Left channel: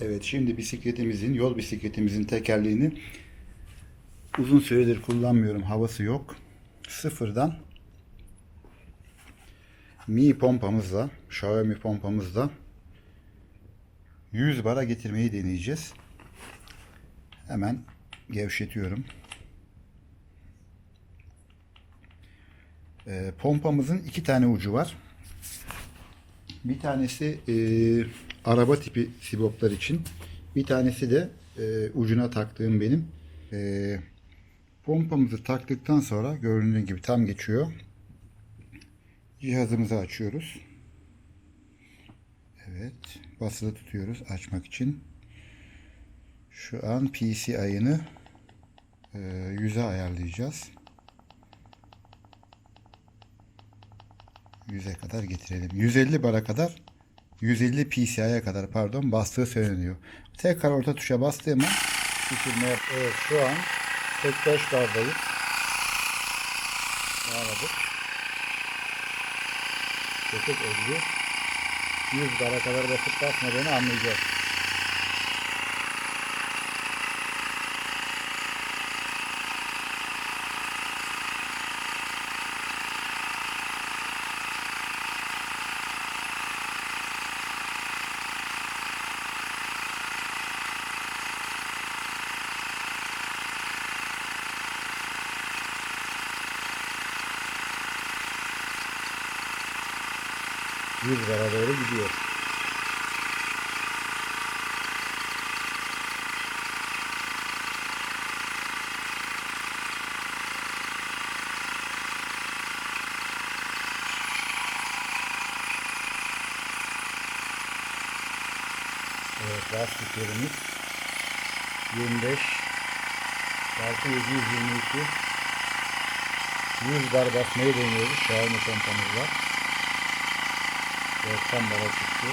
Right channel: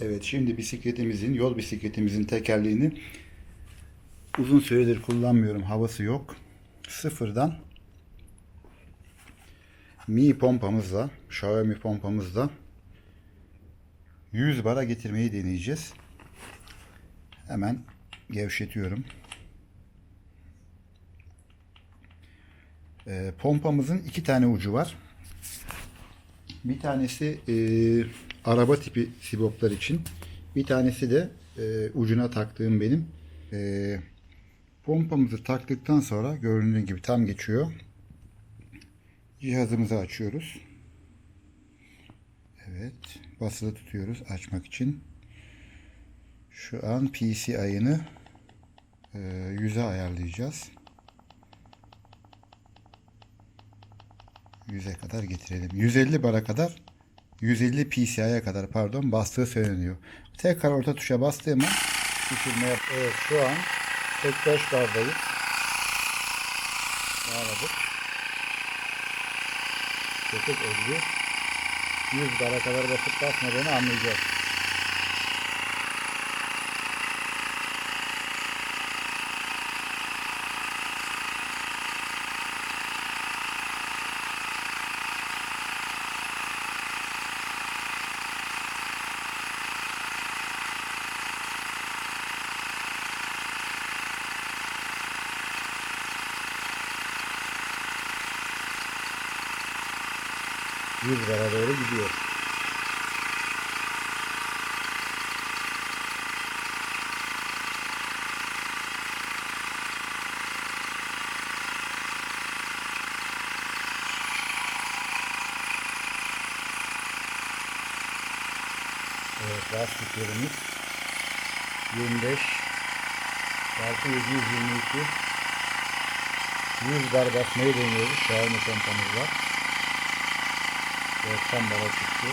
Evet şimdi bisikletimizin, yol bisikletimizin tekerleğini uzun süredir kullanmıyorum. Havası yok. Sıfırdan Mi pompamızla, Xiaomi pompamızla 100 bara getirmeyi deneyeceğiz. Hemen gevşetiyorum. Ee, pompamızın iki tane ucu var. Bir tanesi e, araba tipi siboplar için. Bir tanesi de e, ucuna taktığım benim. E, pompamızı taktıktan sonra göründüğü gibi tam geçiyor. Cihazımızı açıyoruz. Evet. Basılı tutuyoruz açmak için. Şu an PC ayını e, 100'e ayarlayacağız. 100'e kadar getirelim. 150 bara kadar 150 PCI'ye kadar pardon bastığı söyleniyor. Tekrar orta tuşa bastığım an düşürme yap. Evet şu an 45 bardayız. Bağladık. 8 50 100 bara kadar basıp basmadığını anlayacağız. Bara doğru gidiyor. Evet lastiklerimiz 25 çarpı 722 100 bar basmayı deniyoruz Xiaomi pompamızla. 90 bara çıktı.